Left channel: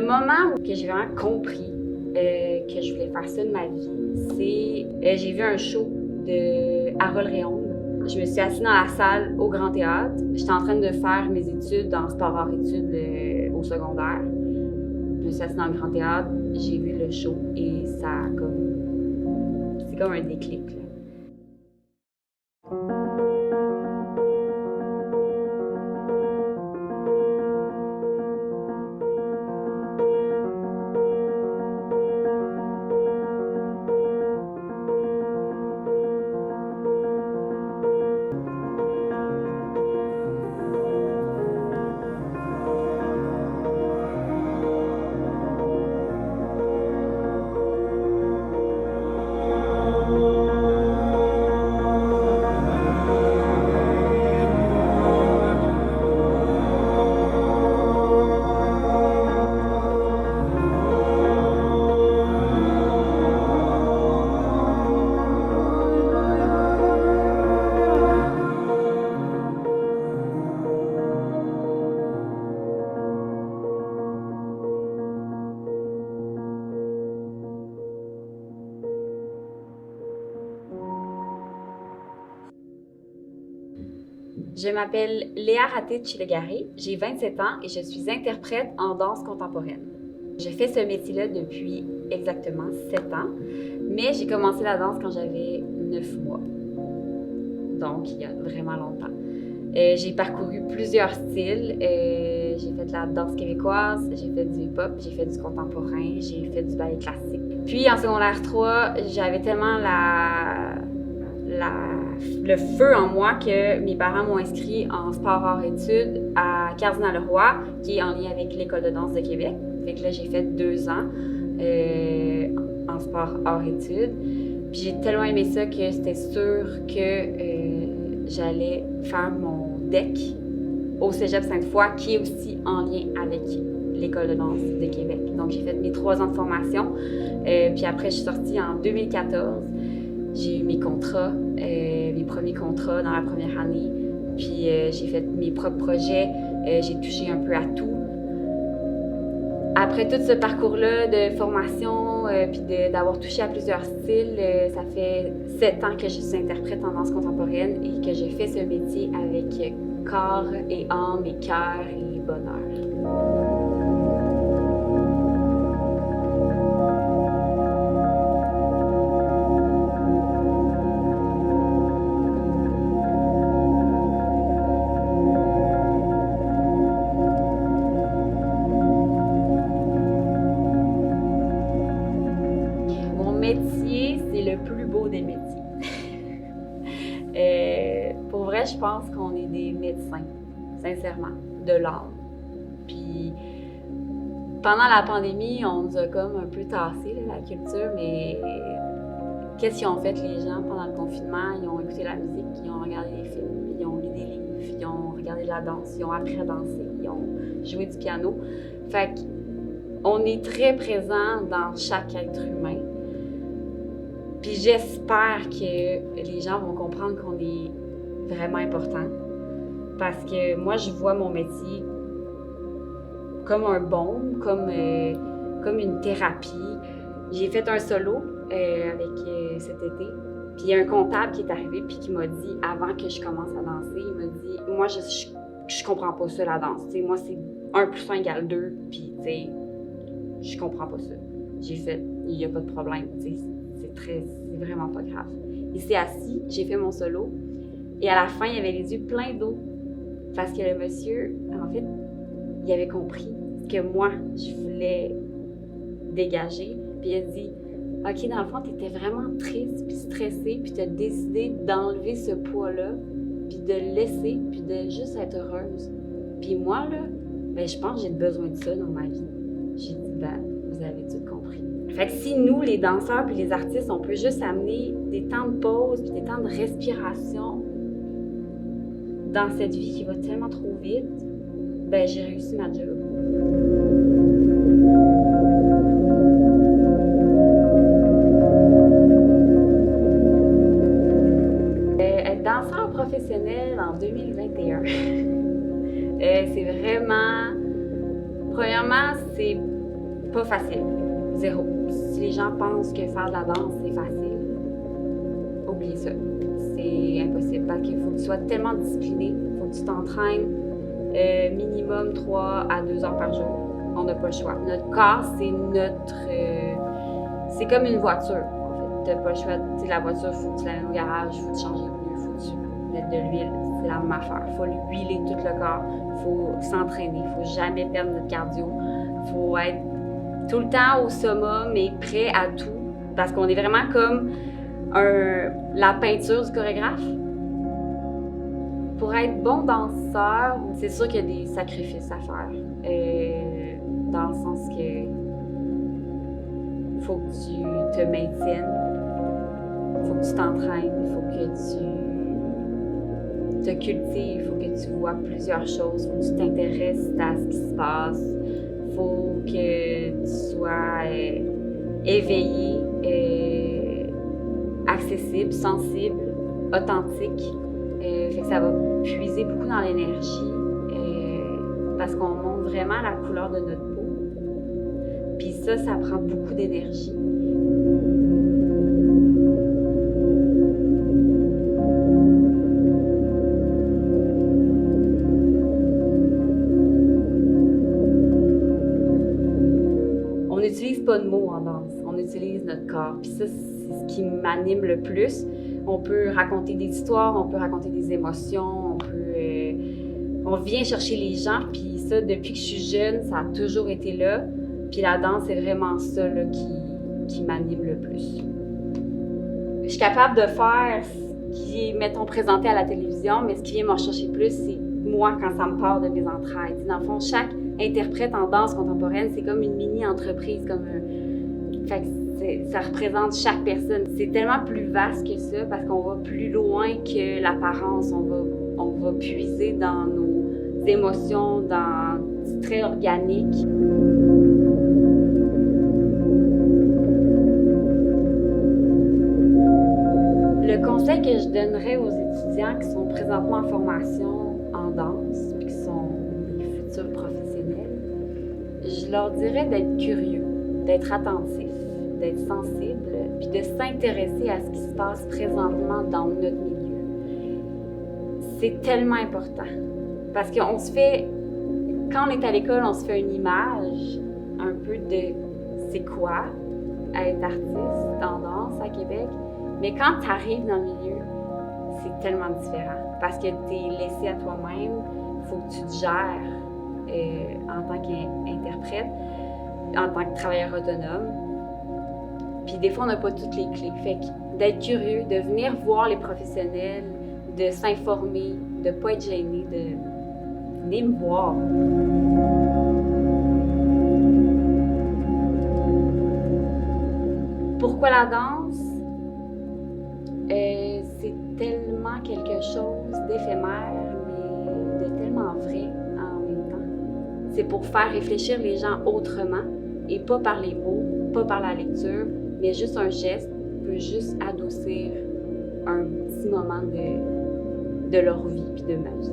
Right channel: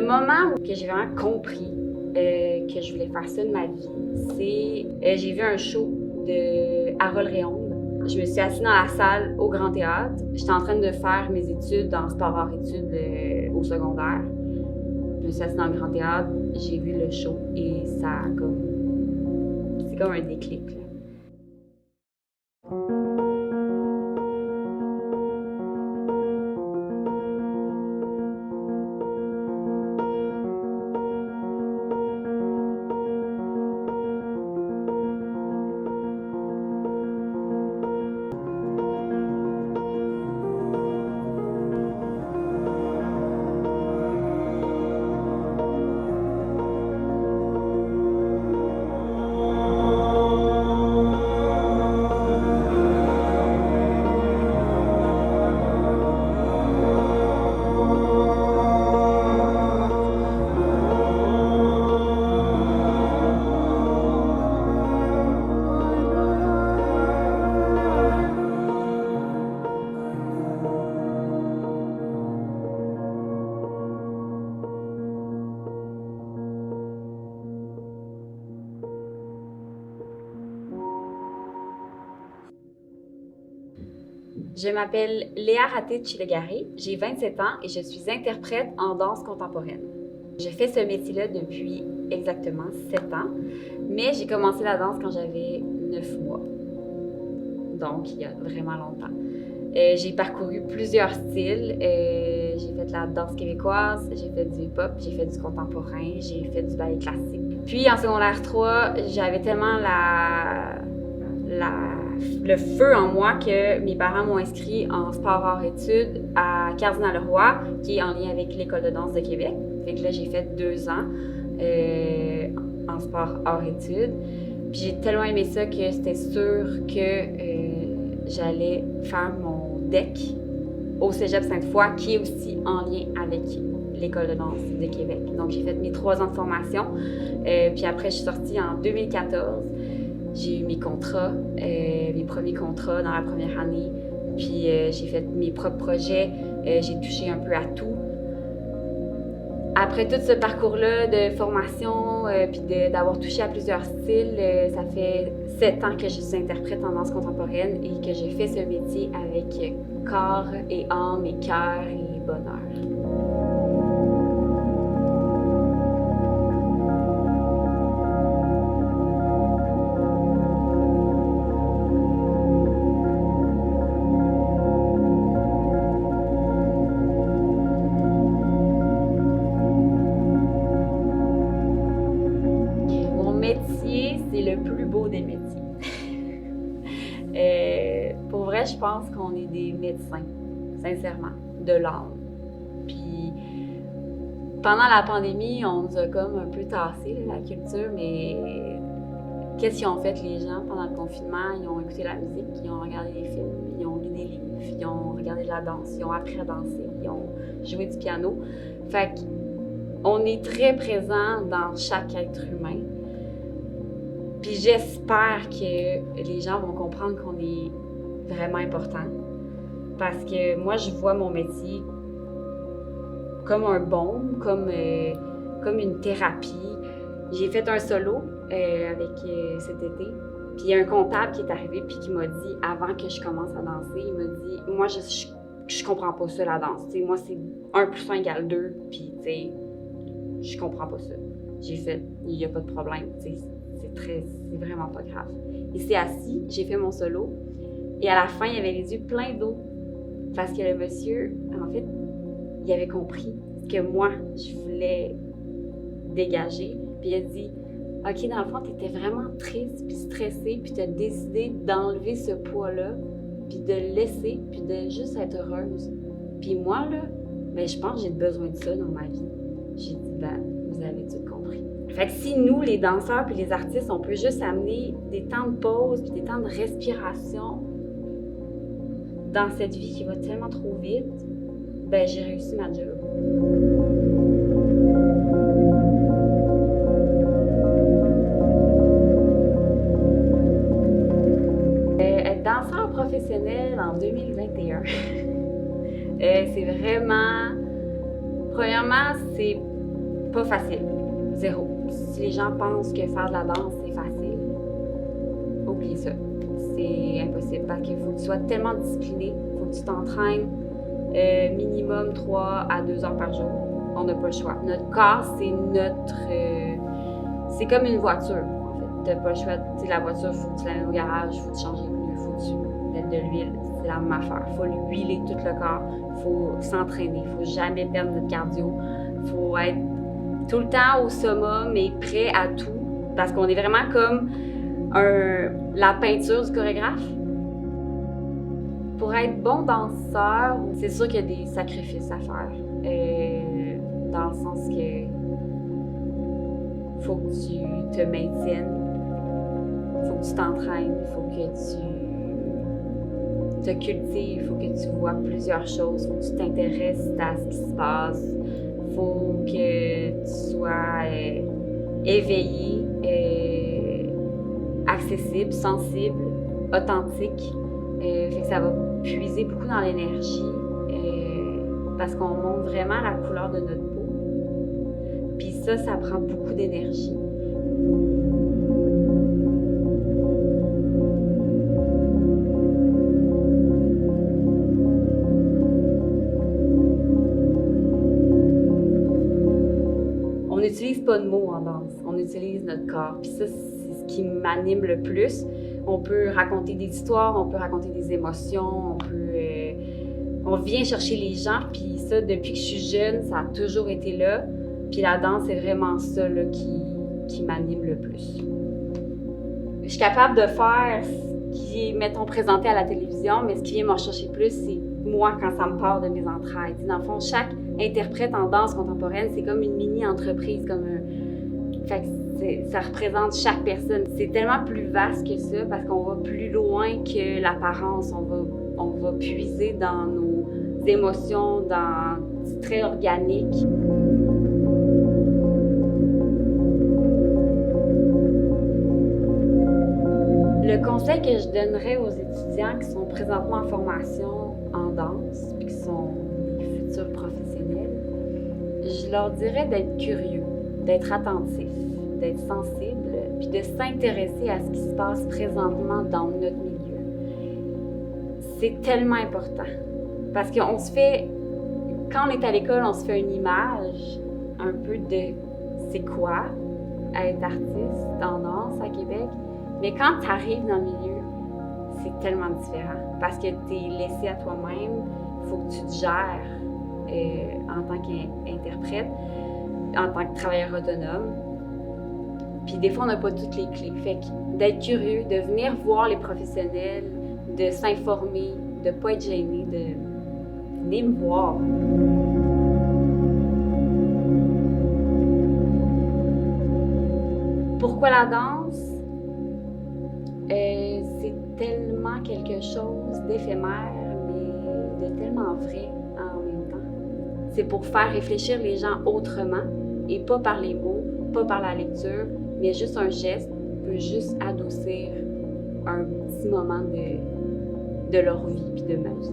Le moment où j'ai vraiment compris que je voulais faire ça de ma vie, c'est j'ai vu un show de Harold Réaume. Je me suis assise dans la salle au Grand Théâtre. J'étais en train de faire mes études en sport-art-études au secondaire. Je me suis assise dans le Grand Théâtre, j'ai vu le show et ça a c'est comme un déclic, là. Je m'appelle Léa Raté-Chilegaré, j'ai 27 ans et je suis interprète en danse contemporaine. Je fais ce métier-là depuis exactement 7 ans, mais j'ai commencé la danse quand j'avais 9 mois, donc il y a vraiment longtemps. J'ai parcouru plusieurs styles, j'ai fait de la danse québécoise, j'ai fait du hip-hop, j'ai fait du contemporain, j'ai fait du ballet classique. Puis en secondaire 3, j'avais tellement le feu en moi que mes parents m'ont inscrit en sport-art-études à Cardinal-Leroy, qui est en lien avec l'École de danse de Québec. Fait que là, j'ai fait 2 ans en sport-art-études. Puis j'ai tellement aimé ça que c'était sûr que j'allais faire mon DEC au Cégep Sainte-Foy, qui est aussi en lien avec l'École de danse de Québec. Donc j'ai fait mes 3 ans de formation. Puis après, je suis sortie en 2014. J'ai eu mes contrats, mes premiers contrats dans la première année. Puis j'ai fait mes propres projets, j'ai touché un peu à tout. Après tout ce parcours-là de formation, puis d'avoir touché à plusieurs styles, ça fait 7 ans que je suis interprète en danse contemporaine et que je fais ce métier avec corps et âme et cœur et bonheur. Mon métier, c'est le plus beau des métiers. Pour vrai, je pense qu'on est des médecins, sincèrement, de l'âme. Puis pendant la pandémie, on nous a comme un peu tassé là, la culture, mais qu'est-ce qu'ils ont fait les gens pendant le confinement? Ils ont écouté la musique, ils ont regardé des films, ils ont lu des livres, ils ont regardé de la danse, ils ont appris à danser, ils ont joué du piano. Fait qu'on est très présent dans chaque être humain. Puis j'espère que les gens vont comprendre qu'on est vraiment important. Parce que moi, je vois mon métier comme un baume, comme une thérapie. J'ai fait un solo avec cet été. Puis il y a un comptable qui est arrivé puis qui m'a dit, avant que je commence à danser, il m'a dit « Moi, je comprends pas ça, la danse. T'sais, moi, c'est 1 + 1 = 2, puis je comprends pas ça. » J'ai fait « Il y a pas de problème, c'est vraiment pas grave. » Il s'est assis, j'ai fait mon solo, et à la fin, il avait les yeux pleins d'eau. Parce que le monsieur, en fait, il avait compris ce que moi, je voulais dégager. Puis il a dit « OK, dans le fond, tu étais vraiment triste puis stressée, puis tu as décidé d'enlever ce poids-là, puis de le laisser, puis de juste être heureuse. Puis moi, là, ben, je pense que j'ai besoin de ça dans ma vie. » J'ai dit « Ben, vous avez tout compris. » Fait que si nous, les danseurs puis les artistes, on peut juste amener des temps de pause puis des temps de respiration dans cette vie qui va tellement trop vite, ben j'ai réussi ma job. Être danseur professionnel en 2021, c'est vraiment... Premièrement, c'est Pas facile. Zéro. Si les gens pensent que faire de la danse, c'est facile, oubliez ça. C'est impossible parce qu'il faut que tu sois tellement discipliné, il faut que tu t'entraînes minimum 3 à 2 heures par jour. On n'a pas le choix. Notre corps, c'est c'est comme une voiture, en fait. Tu n'as pas le choix. Tu sais, la voiture, il faut que tu la mettes au garage, il faut que tu changes les pneus, il faut que tu mettes de l'huile. C'est la même affaire. Il faut l'huiler tout le corps. Il faut s'entraîner. Il ne faut jamais perdre notre cardio. Il faut être tout le temps au summum et prêt à tout. Parce qu'on est vraiment comme la peinture du chorégraphe. Pour être bon danseur, c'est sûr qu'il y a des sacrifices à faire. Dans le sens que faut que tu te maintiennes, faut que tu t'entraînes, il faut que tu te cultives, il faut que tu vois plusieurs choses, il faut que tu t'intéresses à ce qui se passe, il faut que tu sois éveillé, accessible, sensible, authentique. Fait que ça va puiser beaucoup dans l'énergie parce qu'on montre vraiment la couleur de notre peau. Puis ça prend beaucoup d'énergie. On n'utilise pas de mots en danse, on utilise notre corps. Puis ça, c'est ce qui m'anime le plus. On peut raconter des histoires, on peut raconter des émotions, on vient chercher les gens, puis ça, depuis que je suis jeune, ça a toujours été là. Puis la danse, c'est vraiment ça là, qui m'anime le plus. Je suis capable de faire ce qui est, mettons, présenté à la télévision, mais ce qui vient me chercher plus, c'est moi quand ça me part de mes entrailles. Dans le fond, chaque interprète en danse contemporaine, c'est comme une mini-entreprise, Fait que ça représente chaque personne. C'est tellement plus vaste que ça parce qu'on va plus loin que l'apparence. On va puiser dans nos émotions, dans du très organique. Le conseil que je donnerais aux étudiants qui sont présentement en formation en danse, puis qui sont des futurs professionnels, je leur dirais d'être curieux, d'être attentif, d'être sensible, puis de s'intéresser à ce qui se passe présentement dans notre milieu. C'est tellement important. Parce qu'on se fait, quand on est à l'école, on se fait une image un peu de c'est quoi être artiste en danse à Québec. Mais quand tu arrives dans le milieu, c'est tellement différent. Parce que tu es laissé à toi-même, il faut que tu te gères en tant qu'interprète, en tant que travailleur autonome. Puis des fois, on n'a pas toutes les clés. Fait que d'être curieux, de venir voir les professionnels, de s'informer, de ne pas être gêné, de venir me voir. Pourquoi la danse? C'est tellement quelque chose d'éphémère, mais de tellement vrai en même temps. C'est pour faire réfléchir les gens autrement et pas par les mots, pas par la lecture, mais juste un geste peut juste adoucir un petit moment de leur vie puis de ma vie.